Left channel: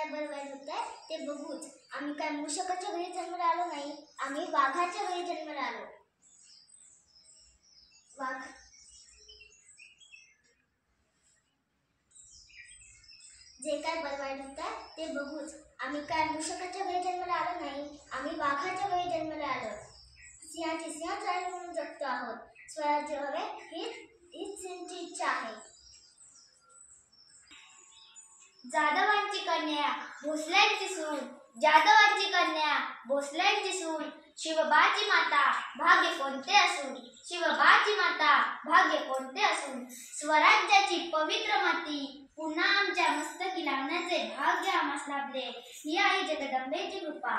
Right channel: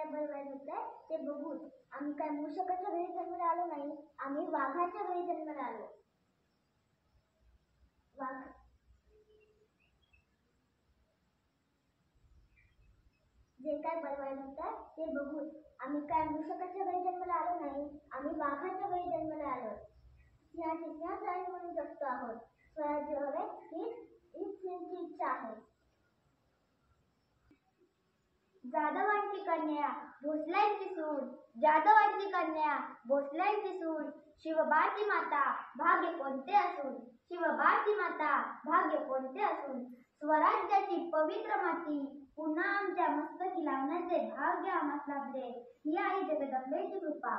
काय बरं वाईट होत आहे ते बघूच. आम्ही काय मूषकाच्या घरी जन्माला आलो नाही, आम्ही वाघाच्या घरी जन्माला आलो. वाघ जे काय बरं वाईट होत आहे ते बघूच. आम्ही काय मूषकाच्या घरी जन्माला आलो नाही, आम्ही वाघाच्या घरी जन्माला आलो. सिंहाची सिंहाच राहील म्हणून जगतो आहोत. स्वराज्य हवे हीच त्यांची इच्छा आहे. जाधवांची कन्या भोसल्यांची सून, जाधवांची कन्या भोसल्यांची सून, शिवबाची माता भाग्य कोणते असून, शिवबाची माता भाग्य कोणते असून, स्वराज्याची पवित्र माती पुन्हा आमच्या मस्तकी लावण्याचे भाग्य आम्हास लाभले. ही आहे जगदंबेची कृपा.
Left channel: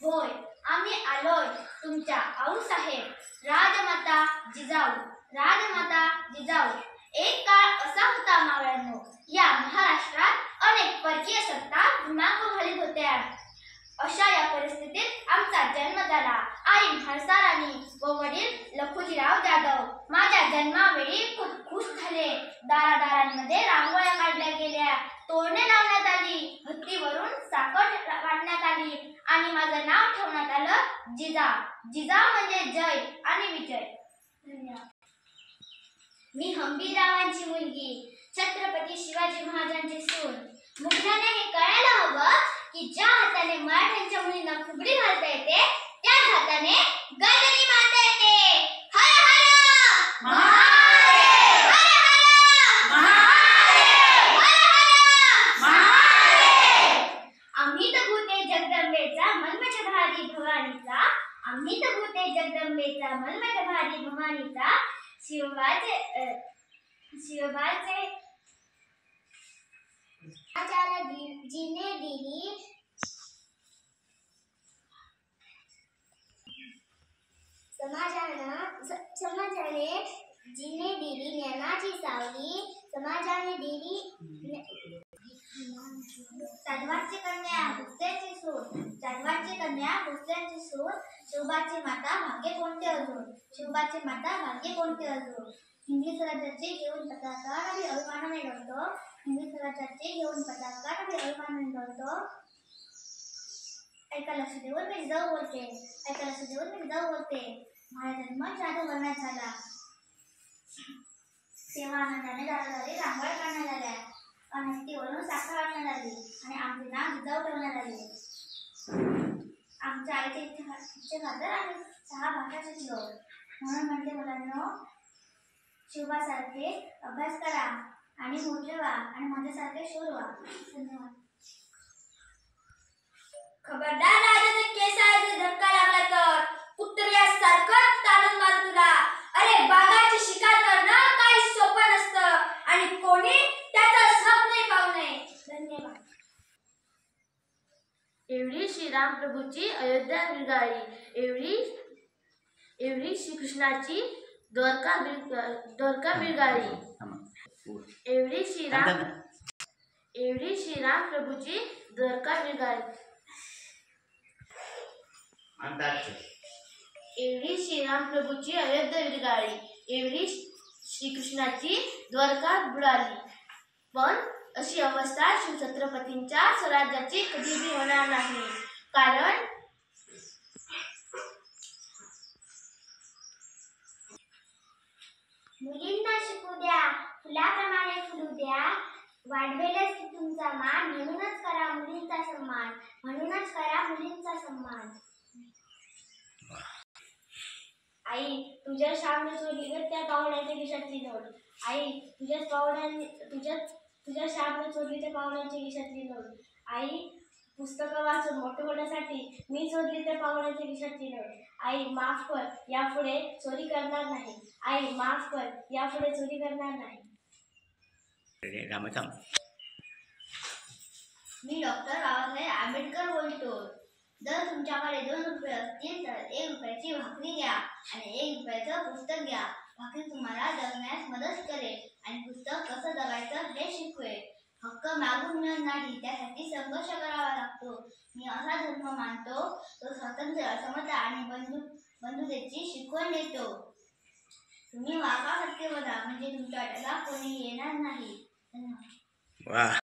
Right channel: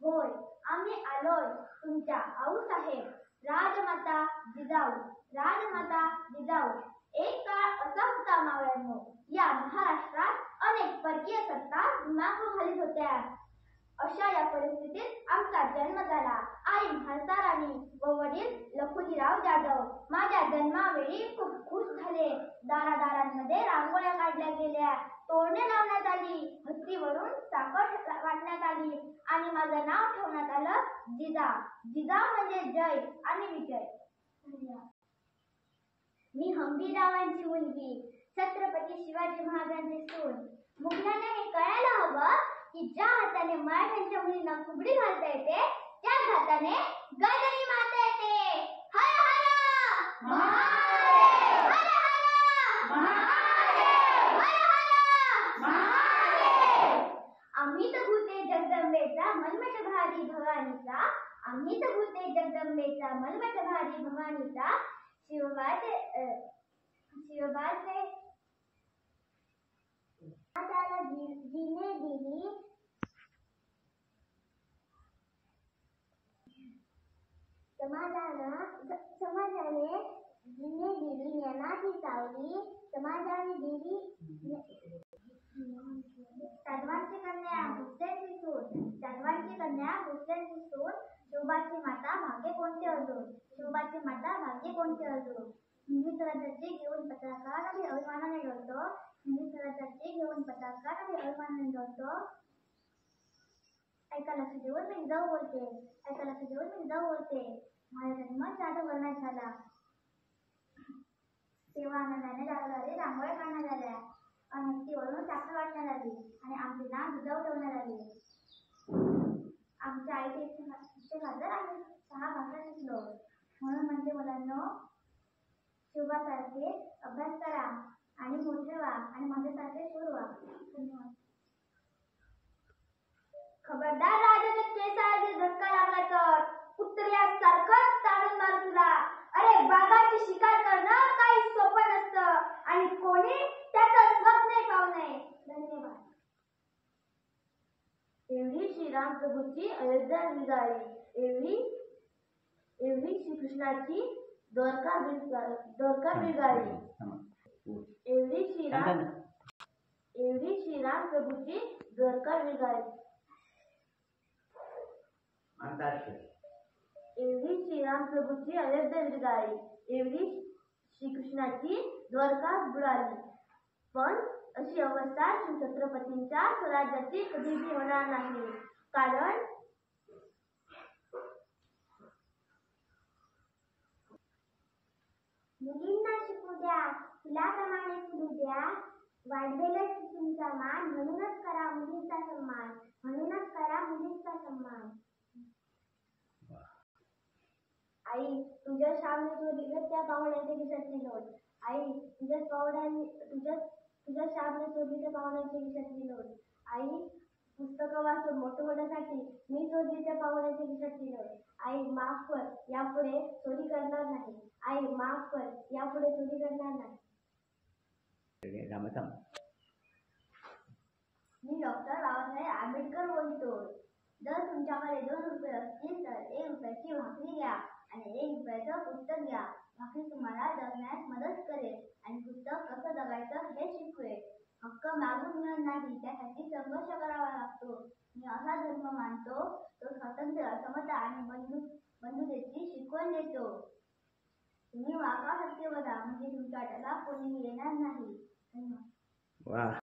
होय, आम्ही आलोय तुमच्या आऊसाहेब राजमाता जिजाऊ. राजमाता जिजाऊ, एक काळ असा होता मावळ्यांनो, या महाराष्ट्रात अनेक परकीय सत्ता दिमाग घालीत होत्या. अशा या परिस्थितीत आमचा जन्म झाला. आई म्हाळसा राणी व वडील लखुजीराव जाधव माझ्या जन्मावेळी खूप खुश झाले. दारादारांमध्ये रांगोळ्या काढल्या गेल्या, तोरणे लावण्यात आली, हत्तीवरून साखर वाटण्यात आली आणि माझं नाव ठेवण्यात आलं जिजा. जिजा म्हणजे जय आणि विजय. धन्यवाद. मी हंबीररावांची मुलगी, छत्रपती शिवाजी महाराजांची सून. मुलांना हे कळायला हवं की ज्या हाताने मराठ्यांच्या मुलींना फुगडी घालता येते, त्याच हाताने गजनी मारता येते. हर हर महादेव, हर हर महादेव, हर हर महादेव. आम्ही तर भूते जगदंबेचा मलमठ भारी भवानीचा, आम्ही तर भूते जगदंबेचा मलमठ भारी भवानीचा. शिवबाचे जीने दिली समाजाने जीने दिली ज्ञानाची सावली, समाजाने दिली जाधवांची कन्या भोसल्यांची सून, जाधवांची कन्या भोसल्यांची सून, शिवबाची माता भाग्य कोणते अजून, शिवबाची माता भाग्य कोणते अजून. हिंदी स्वराज्याचे घेऊन पताका आणि अभिमानाने डोलतो, हिंदी स्वराज्याचे घेऊन पताका आणि अभिमानाने डोलतो. ऐका लक्ष देऊन मी जाऊ बोलते, ऐका लक्ष देऊन मी जाऊ बोलते. माझा जन्म जाधव वर्णात झाला, तेव्हा आनंदाने दारादारी रांगोळ्या काढण्यात आल्या, हत्तीवरून साखर वाटण्यात आली आणि आमचे नाव जिजाऊ ठेवण्यात आले. आमच्या आईच्या इच्छेखातर आम्ही 6 भाषा शिकलो. म्हणून म्हणते मुलांनो, शिवबासारखे अभ्यास करा आणि मोठे व्हा आणि माझ्यासारखे शूर व्हा. धन्यवाद. खबरदार राजाचे केसाला धक्का लागला तर कुत्र्यासारखं ताणून मार तुला. अरे वाघाची शिकार करणं काही सोपं नसतं आणि कोणी त्याचं स्वप्नही पाहू नये. धन्यवाद. एवढी श्रीराम प्रभूची अयोध्या बिरगाळी, एवढी श्रीकृष्णाची द्वारका बिरगाळी, एवढी श्रीराम प्रभूची द्वारका बिरगाळी, एवढी श्रीराम प्रभूची अयोध्या बिरगाळी, एवढी श्रीकृष्णाची द्वारका बुडाली. पण अशी अवस्था शिवछत्रपतींच्या स्वराज्याची कधीही होणार नाही. कारण मुलींना शिकू द्या, फुलाप्रमाणे फुलू द्या, वाढवेलच की तुमचा मान. म्हणूनच करा मुलींचा सन्मान, म्हणूनच करा मुलींचा सन्मान. आई तुझ्या शामने चोरली त्या पाहुण्याच्या खिशातली नोट. आई तुझ्या शामने चोरली त्या पाहुण्याच्या खिशातली नोट. आई पुस्तकं वाचून मोठे होण्यासाठी मी चोरली त्या पाहुण्याच्या खिशातली नोट. आई माफ कर, यापुढे चोरी करणार नाही. आई माफ कर, यापुढे चोरी करणार नाही. मी डॉक्टर बाबासाहेब आंबेडकर बोलतो. जर तुमच्याकडे 2 रुपये असतील तर 1 रुपयाची भाकरी घ्या आणि 1 रुपयाचं पुस्तक घ्या. भाकरी तुम्हाला जगण्यास मदत करेल आणि पुस्तक कसं जगायचं हे शिकवेल. हक्क मागून मिळत नाही, त्यासाठी संघर्ष करावा लागतो. मी असा धर्म मानतो तो स्वातंत्र्य, समता आणि बंधुतेची शिकवण देतो. तुम्ही वाघासारखे बघा, म्हणजे तुमच्या वाट्याला कोणी येणार नाही. धन्यवाद.